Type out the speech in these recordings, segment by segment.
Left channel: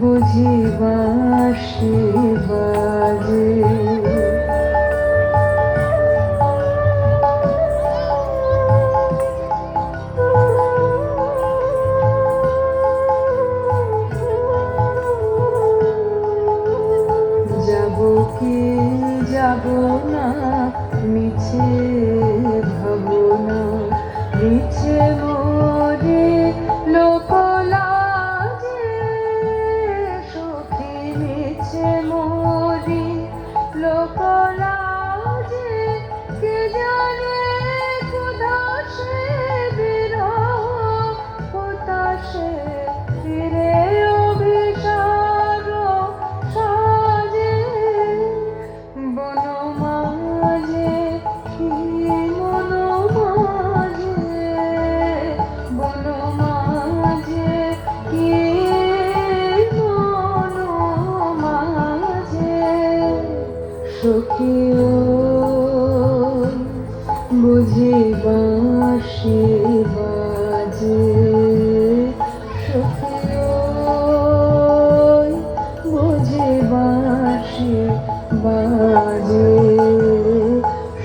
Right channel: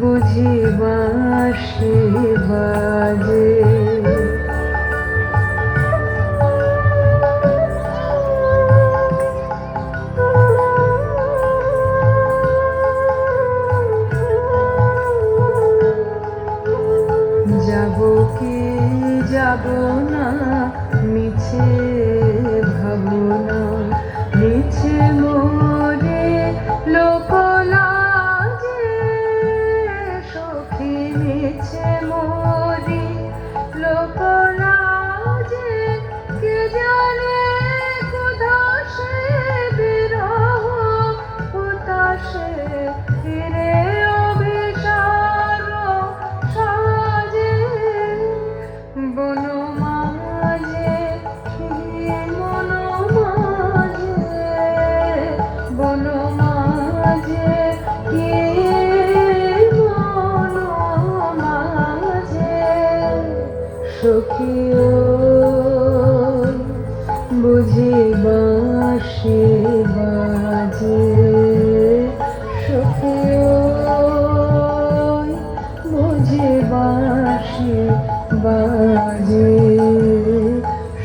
বুঝি বাঁশি বাজে যাব কি যাব না মিছে ভাবনা মিছে মরি লোক লাজে সখী মিছে মরি লোক লাজে কে জানে কোথাসে বিরহ কোথাসে ফিরে অভিসার সাজে বনমাঝে কি বনমাঝে কি সখিও বুঝি বাঁশি বাজে সখিও বুঝি বাঁশি বাজে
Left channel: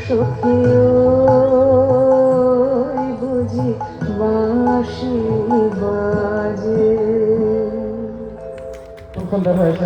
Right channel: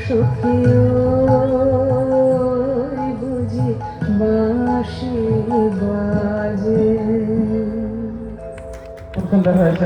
সখিও বুঝি বাঁশি বাজে। খুব সুন্দর হয়েছে।